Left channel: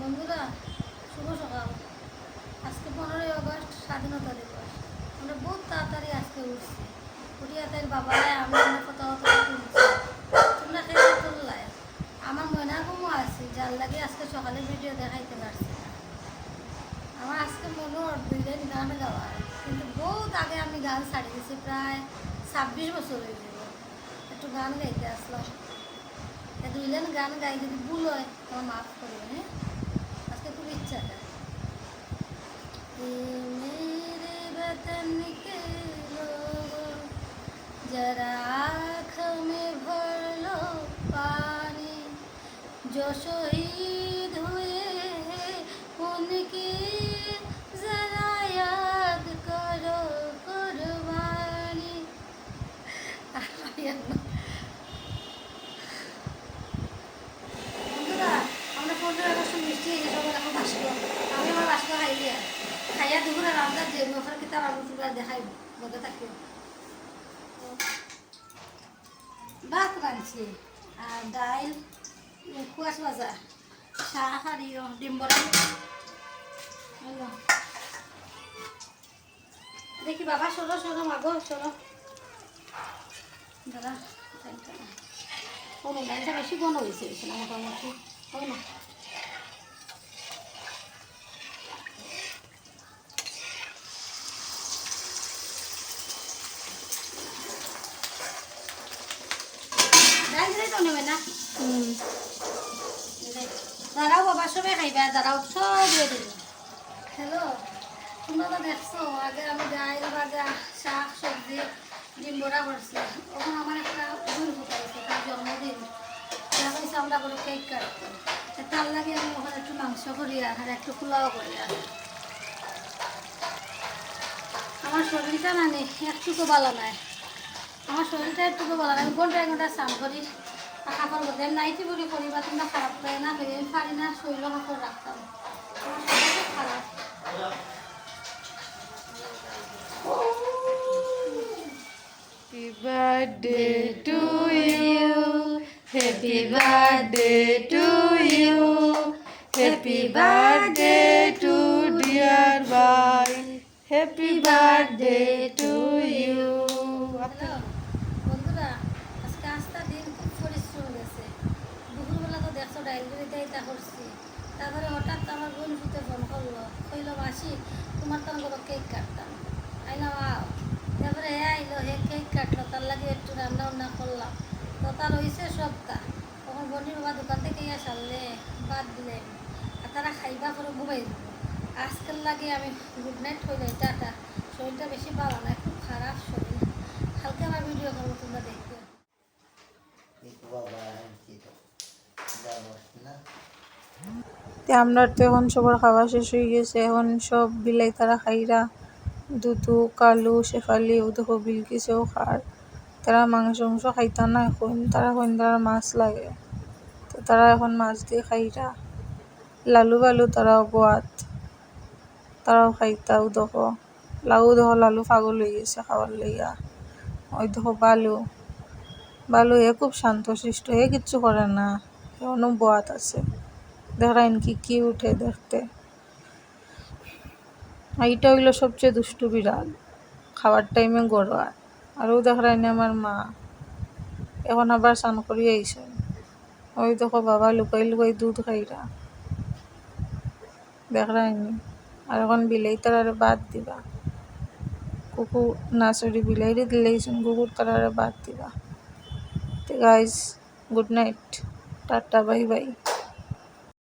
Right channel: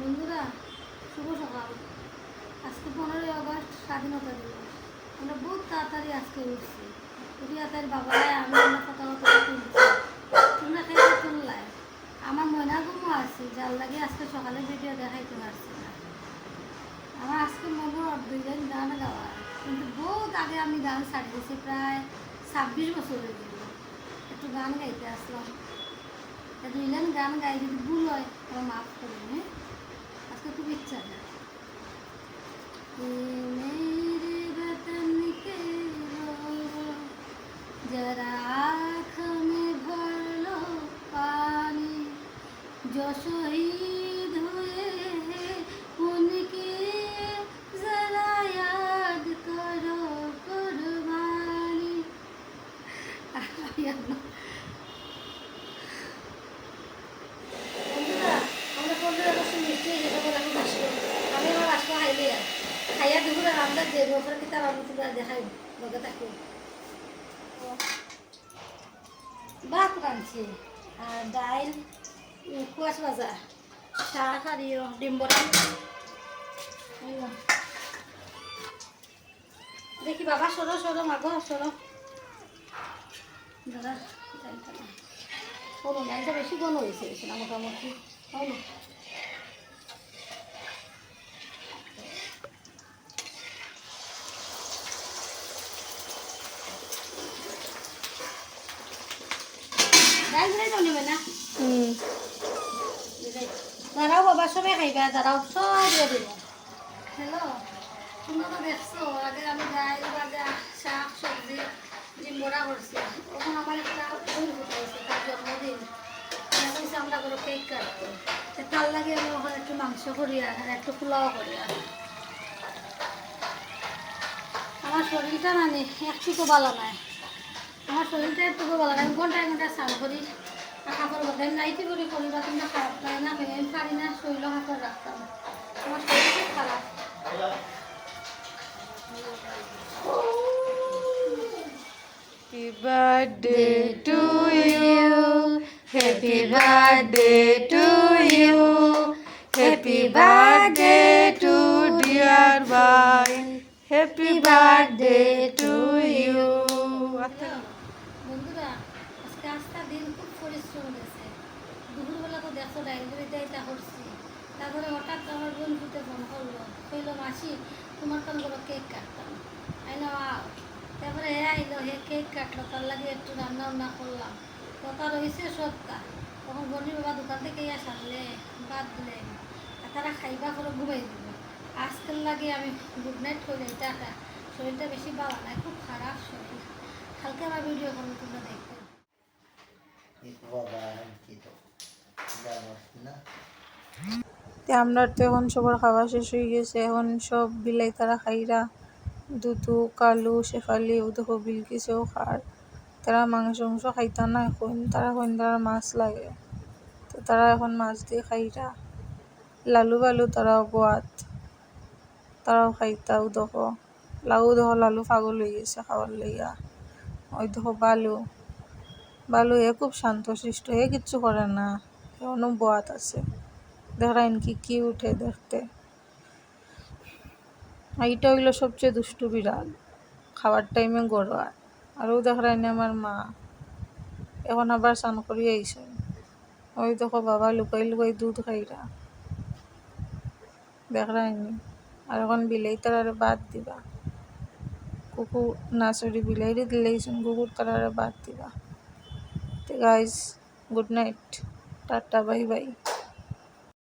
বন্ধুরা, শুভ সকাল। আজকে 15ই আগস্ট, স্বাধীনতা দিবস। আমরা বহুত তাড়াতাড়ি আজকে উঠছি। উঠিয়া তাই বাবারায় আমরা কথা তুলছি। তোমরা খেয়ে তুললাই। আমার মনে ঘুমো আছি, যার লাগে আজকে সকালে ভিডিও দেখাইতে পারছি না। আমার আজকে মনে দুইজন গান গাওয়ার, কিন্তু বহুত আগে আমি গান ছাড়ি দিয়েছি, প্রায় 26 বছর হয়ে গেল। একটু গান গাইতে আসলাম। দুইজন গান গাই, কিন্তু ভুল হয়, আমার মাফ করে। হ্যাঁ, আজকে খুব ইচ্ছা है। ये मेरे वतन के लोगों, जरा आँख में भर लो पानी, जो शहीद हुए हैं उनकी जरा याद करो कुर्बानी। আমরা 15 আগস্ট মিষ্টি আমি আমার বাসা খাইলে খাইয়া দুপুরে রান্না দিয়ে ওপরে কিতাব আমি তোমরা দেখাই লগে থাকি। ভাত রাঁধছি আর ডাইল, কুয়াশ ভাজা, শাক আর ডিম বড়া। দেখি বাবা, সরো সরো মাগো সরো। দাদা কোনো ডাইলটা বেশি বন হয়েছে না, মোটামুটি হয় না। দাঁড়াও বাবা, সবাই খাইবা, দাঁড়াও সব দিয়ে দেব। হ্যালো, তোমরা তো দেখছো আগে আমি ডাইল ভাজা, শাক সবজি, ডিম বড়া করছি। তখন আমার একটা বোন হয়েছে, তার জন্মদিন। এখন আমরা করে কেক কাটতো, তার লাগে আমি ওখানে একটু মাংস করি আর একটু পোলাও করি। আমার শরীরটা মানে একটুকু ভালো নাই, আমার শরীরটা একটুকু ভালো নাই। ঘন্টায় ঘন্টায় স্নান করি, কাপড় মধ্যে নাইটি বড়ি করি, বা তোমরা খারাপ লাগে না, আমি পারি না শরীর কাপড় রাখতাম। আমার শরীর খুব খারাপ। Happy birthday to you. Happy birthday to you. Happy birthday to dear boy. Happy birthday to you. বন্ধুরা, আজকে আজটা দিন খুব পরিশ্রম গেছে। দুপুরবেলা তো দেখছো ডাইল এটা করছি, তারপরে হঠাৎ আমার বোন ফুটে ফোন করলো, কইলো মাসি তোমার তো কোনো কেক কাটতাম, আইলাম আও। তারপরে হে আইলো, হে কেক কাটলো, তার লাগে একটু রান্না বান্না করলাম। তো তার হয়েছে সবটা। তখন বোনের বাবা দোকান থেকে ইয়া সারলে বাদ দিলে, আর তারা খাইবা করে ঘুমাই দিল। আজকের লাগে আমি গুড নাইট হইলে টাটা। শরীরটা বেশি ভালো নাই, খুব খারাপ শরীর। হালকা আমার ভিডিও করবো, তোমরা দেখবে। আমরা তো এখন সবার খাওয়া শেষ হয়ে গেছে, এখন সব বিলাই তারা খাইরা, দুধু কালু শেফালি ও দেখো বিলকিসেও খার। তারা মাংস খাইতা না, এখন তারা মাছ লাগে, তো তারা এখন মাছ দিয়ে খাইরা। লালু বালু তারাও গোয়াত, তারাও খাইতাও দেখো। লালু পাগল হয়ে গেছে খাওয়ার লইয়া। ওই দেখো বালু এ খুব শান্ত শিষ্ট, এ কিচ্ছু করে না, এখনো বোয়াত আছে। দেখেন কি উঠে দেখতে। এইটা হইলো সবচেয়ে দুষ্টু বিড়াল, খাওয়ার টাইমে গড়ায়। আরও দেখেন আমার মা এখন আবার স্নান করিয়ে আইসে। ওই দেখো বাবা লুকাই লুকাই দুধ খাইরা দেখরাইনি। আর এখন বিলাই তারারে বাদ দিবা, কুকুর না সরি বিলাইরে দিলেইছেন, কুকুর তারারে বাদ দিবা। তো guys, good night, tata, bye bye.